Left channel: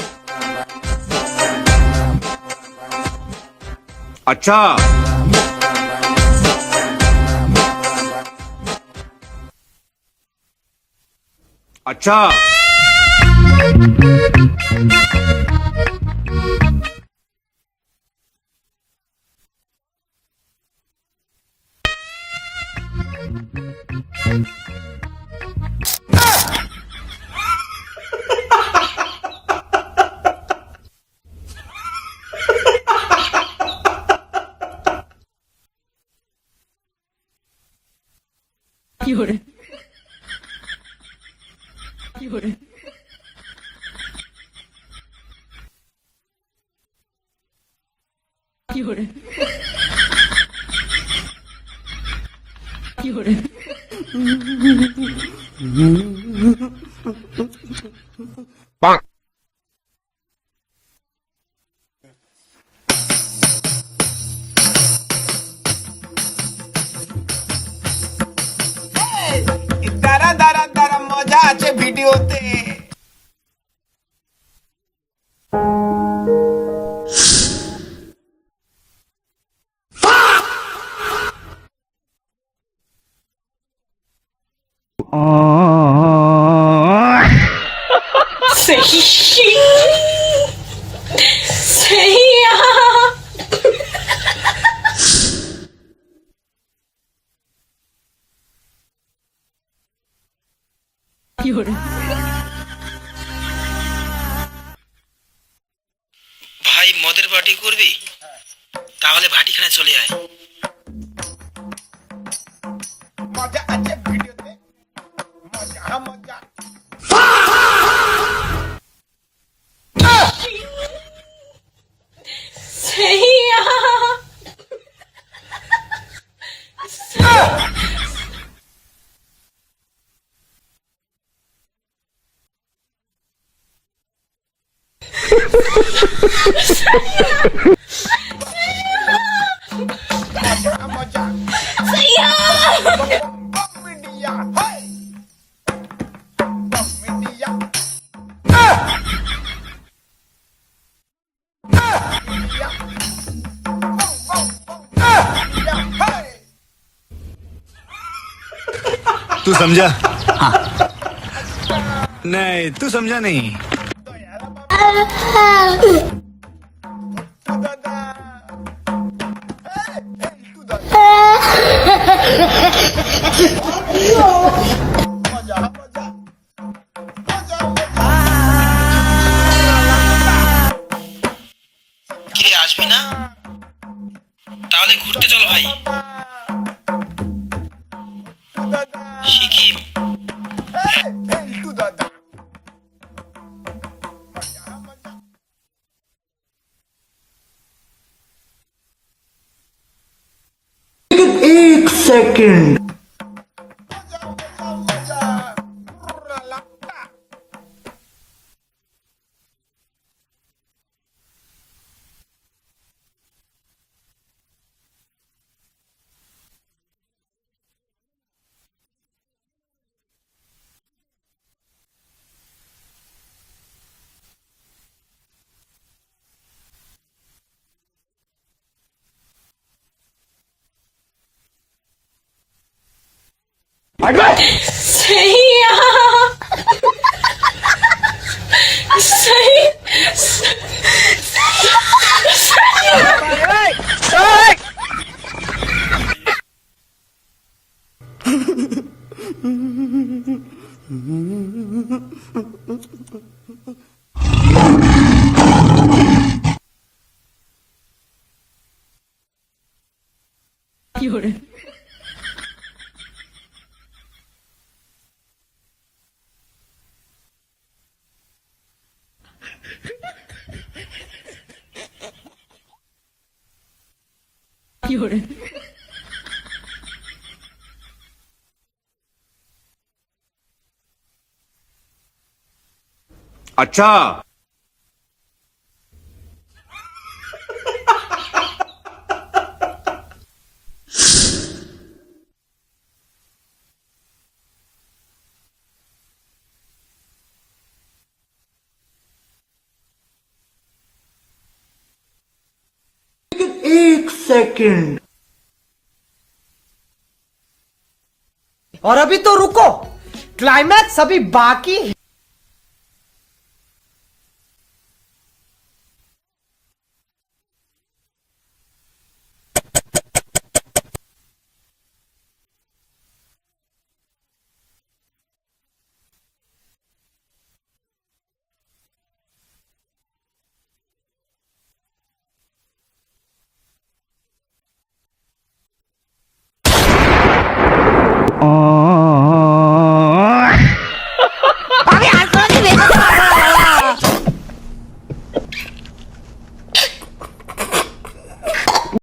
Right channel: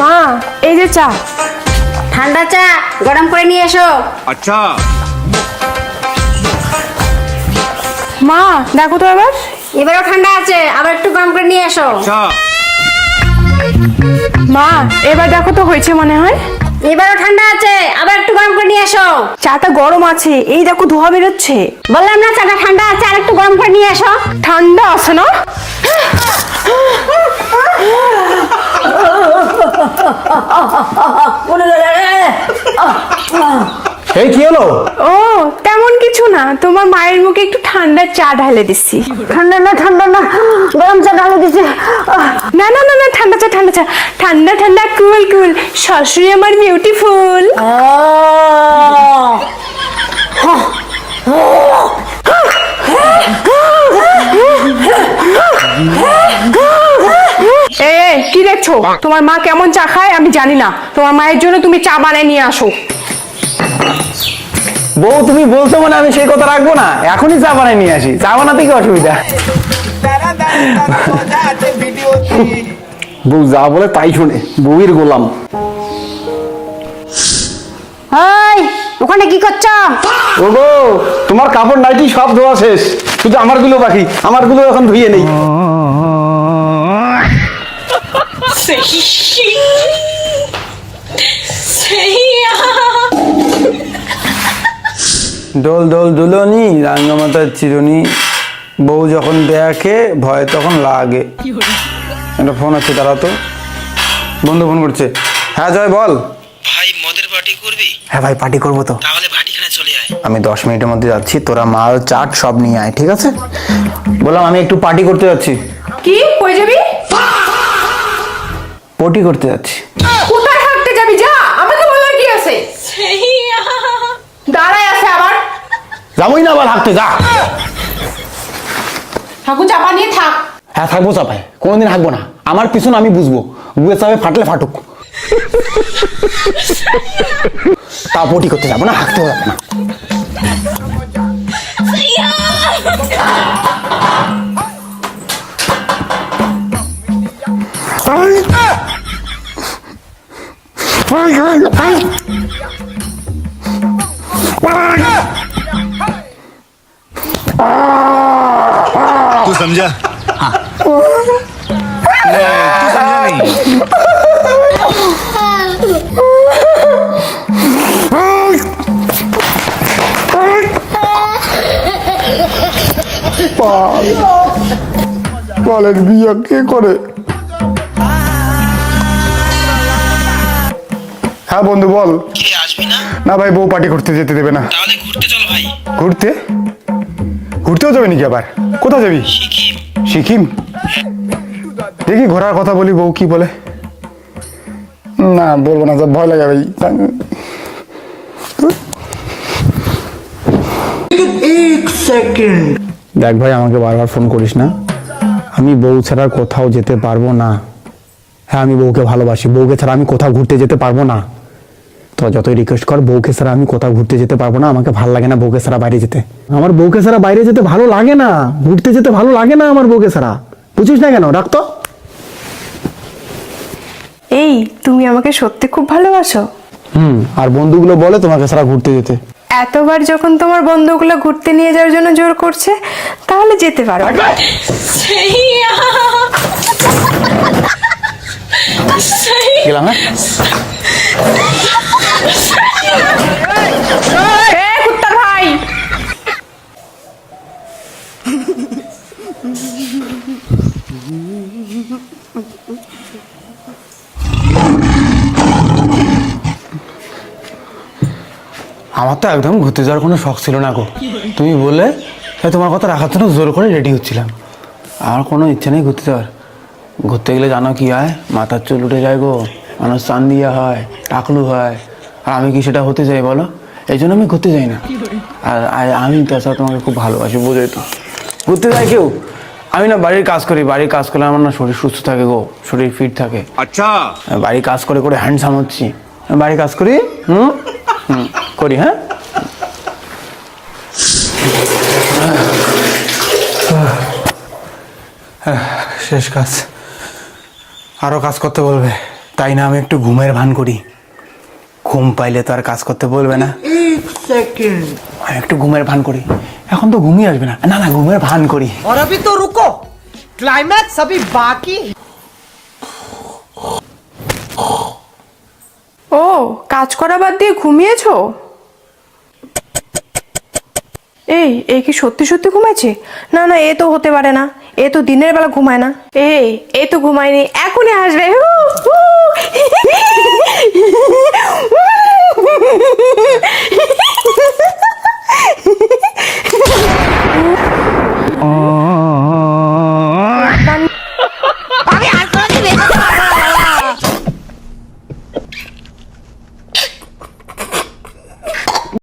মা এই যে চা। ঠান্ডা চা গরম করে নিয়ে এসো। আচ্ছা। মা দেখো তো এবারও ঠান্ডা আছে, আবার একটু গরম করে নিয়ে এসো। আচ্ছা। মা এবার দেখো তো হয়েছে মনে হয়। এবারও ঠান্ডা আছে, আবার একটু গরম করে নিয়ে এসো। চাটা গরম আছে, এই দেখো ধোয়া বেরোচ্ছে। বললাম না চাটা ঠান্ডা আছে, আর একটু গরম করে নিয়ে এসো। ঠান্ডা আছে না? এই কি হলো? ও তেমন কিছু না, তোমার মায়ের মুখে একটু ঠান্ডা চা ঢালে দিচ্ছি। ঠান্ডা না গরম চা ঢালে দিছি। না না না না ঠান্ডা চা ঠান্ডা চা, ঠান্ডা ঠান্ডা কুল কুল, শাশুড়ি আমার বিউটিফুল। কি দেখছো? তোমার মা কেমন চা খায় আমি জানি না, তোমার মায়ের জন্য তুমি চা বানিয়ে নিয়ে আসো। বউ তুমি বলছো মানে আমি সেই কথা রাখবো না, এখনই চা বানাই নিয়ে আসি। চা বানাতে কি অসুবিধা? বউ যা বলে তাই শুনে, বউয়ের গোলাম। এই ওখানে কি করছো? ওগো তোমার কাপড় নাইটি সব ধোয়া শেষ, শুধু আমার গুলো বাকি, আমার গুলো এখন ধুয়ে নেই। দোল দোল দুলনি রাঙ্গামাতার চিরুনি, বউ যখন দেখে ভয় তখন লাগে। একটা ফোন আছে, দাঁড়াও তো, বন্ধু ফোন করছে। হ্যাঁ জয় বল। ভাই মদের পার্টি করবি? হ্যাঁ ভাই পার্টি করবো তো। তাহলে ভাটিখানে চলে আয়। আমি 10 মিনিটের মধ্যে যাচ্ছি, তোরা মাল চাট সব নিয়ে আয়, ঠিক আছে? বললাম আমি একটু পার্টি করতে যাচ্ছি। কি কই যাবি? পটি করতে যাচ্ছি। কোথায় থাকতে যাবি? যা, আমাকে বলার কি আছে? দাঁড়ায় আছে আবার। যাবোই না আবার হাঁটতে, যা। ঠাকুর চাপা নিয়ে থাক। হ্যাঁ থাকবো চাপায়, কোনোদিন হাঁকবো না। আমার পিছনে আমি বুঝবো, বুঝে চাপে ফাটলে ফাটুক। তা পটি করতে যাবো না, হাঁকতে যাবো না। तू समझा? हाँ। नहीं तू समझा नहीं। বলেন বিয়ে কে করে? হ্যাঁ বন্ধু বল। কি রে, আসবি না? না ভাই, বউ পার্টি করতে যেতে দেবে না। তাহলে ঘুরতে চল ভাই। ঘুরতে? ঘুরতেও যাবে নাকি আবার? কোথায় যাবি? সিকিম। সিকিম? দেখি ঘোরার কথা বলি, বউ কি বলে। না বলবো না, ভয় লাগে ভাই। দেখ ভাই, আমাকে বারবার ফোন করিস না, আমি বউ ছাড়া কোথাও যেতে পারবো না। হ্যাঁ আমি বউকে ভালোবাসি, বউকে ছাড়া আমি কোথাও ঘুরতে যেতে পারবো না। তো যতই রিকোয়েস্ট কর, বউকে ছাড়া আমি কোথাও ঘুরতে যেতে পারবো না। আমাকে ভালো লাগে না বউকে ছাড়া বাইরে যেতে। আমার বউকে ছাড়া বাইরে যেতে ভালো লাগে না, ঘুরতে যেতে ভালো লাগে না আমার বউকে ছাড়া। বুঝিস না কেন? রাখতো। এই তুমি আমাকে সত্যি খুব ভালোবাসো? আর বন্ধুগুলো বলে তোমাকে ছাড়া ঘুরতে যেতে। এতবার যখন তোমার বন্ধুগুলো ঘুরতে নিয়ে যাওয়ার জন্য জোর করছে, তাহলে যেতে পারো। গেলাম হ্যাঁ? কুত্তার ভাই, আমার তো একদম ঘুরতে যাওয়ার কোনো শখ ছিল না গো। তুমি বলে তোমার কথা রাখার জন্য জোর করে রেডি হচ্ছিলাম। আমার কোনো ইচ্ছা নেই ঘুরতে যাওয়ার। ঘুরতে গেলে জানো কি হয়? মাথার চুল উঠে যায় গো, মানুষ চান দিয়া হয়, টাকলু হয়। আর আমি কি সেটা হতে চাই বলো? এই জন্য আমি ঘুরতে যাই না। আর আমি তাছাড়া তোমাকে খুব ভালোবাসি, বোঝোই তো। ঘুরতে যায় কেউ? আমি না বাড়ির কাজ করি, বাড়ির কাজ করলে আমার না শরীর সুস্থ থাকে গো, শরীর ফিট থাকে। अच्छा। বাড়ির কাজ করে করে হ্যান্ডসাম হচ্ছি। বাড়ির কাজ করি করি। হ্যাঁ শেষ কাজ, আরো কাজ করতে বলবে। তাই না আমি একটু ঘুমের ভান করি। ঘুম পাইলে তো আর কাজ করতে বলবে না। আমি একটু ঘুমের ভান করি। এখন তো ঘুমিয়ে আসবে না, না না ঘুমের ভান করি। और अभी तो रुको, क्लाइमैक्स अभी बाकी। ও কাজ করা বাদ দিয়ে ঘুমিয়েছো? এই কি সত্যি সত্যি ঘুমাইছে? না না, এ তো হতে পারে না, এ তো দিনের বেলা ঘুমায় না। এ তো ঘুমায়নি, এখনই আসবে।